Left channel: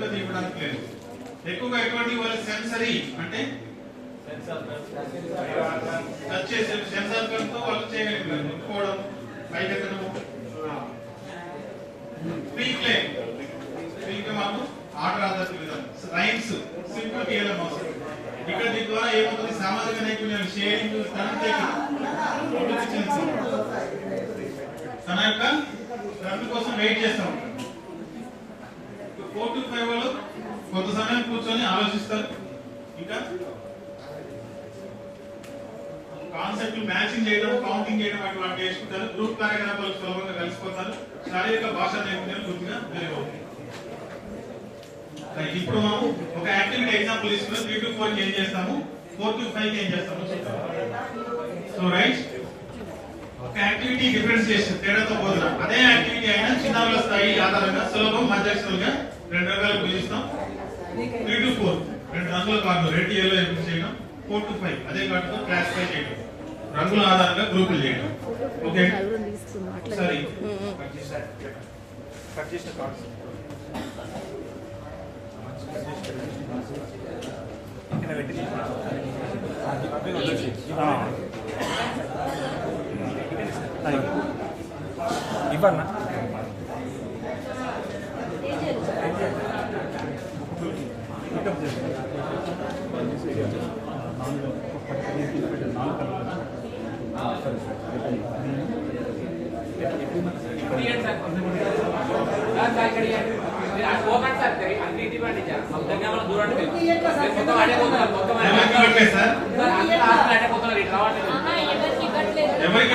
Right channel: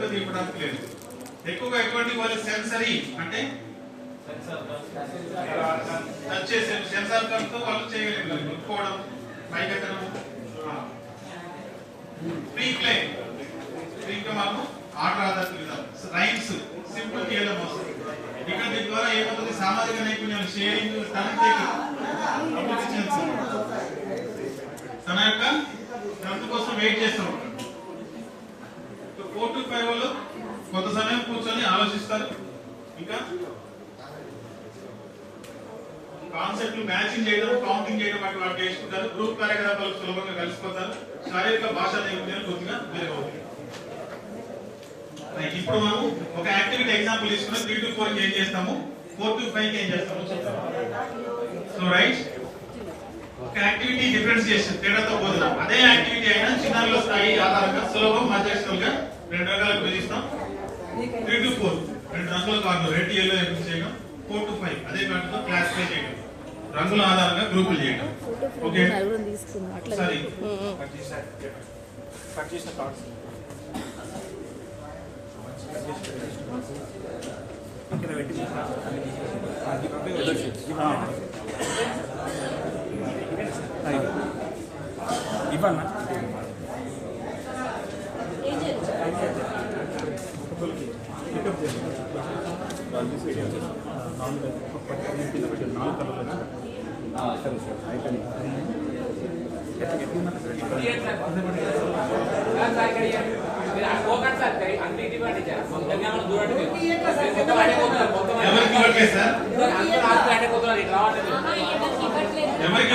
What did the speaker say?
పెద్దది ఇవ్వడానికి లేదు. ఎక్కువగా ఎటువంటి వాళ్ళ సెన్సరీ అంటే టచ్ చేసే సెన్సార్ కర్తో వాళ్ళు చేయగలిగారు. ముట్టుకోవడం, పైకెత్తడం, ఫ్రీక్లే మనము ఆర్డర్ ఆధారిత విధానం, రైమ్స్ సింపుల్ చేయడం అవసరం. ఇక్కడ దీని ద్వారా ఏమవుతుంది, సామాజిక నైపుణ్యాలు, షేరింగ్, తన యొక్క రద్దు కోసం వెయిట్ చేస్తూ ఉంటారు. 4 to 5 వాళ్ళు కొంత సమయం కూర్చొని ఆలోచిస్తారు. ఇంకా కాన్సెప్ట్ మ్యాచింగ్ చేయడం, కౌంటింగ్ చేయడం అటు వాళ్ళు చేసుకుంటారు. గ్రూప్ కార్యకలాపాలు సులభంగా కలిసిపోతారు. శారీరక భాషా నైపుణ్యాలు కొద్దిగా మెరుగవుతాయి. ఇప్పుడు మనం ఒక యాక్టివిటీ ఎగ్జాంపుల్ తీసుకున్నాం. 3 to 4 కి ఏం చేస్తాము, 4 to 5 కి ఏం చేస్తాము చెప్తాము. సో రైట్, ఒక యాక్టివిటీ డిఫరెన్షియేషన్ తేడాతో పోతున్నాం. అదే యాక్టివిటీ అయినా చిన్నారుల స్థాయి ఆధారంగా సులభం, మధ్యక్షులుగా 2 రకాలకు విభజిస్తాం. 3 to 4 2 రంగుల కార్డులు రెడ్ ఎల్లో చేయడం, 4 to 5 అదే కార్డుతో క్లాసిఫై చేయడం, రంగుల ఆధారంగా గ్రూపులు చేయడం. ఓకే సరే, కట్ చేసిన కార్డ్స్ ఇక్కడ పెట్టి ఇవ్వన్నా సరే సార్ అయిపోయింది. ఎవరికి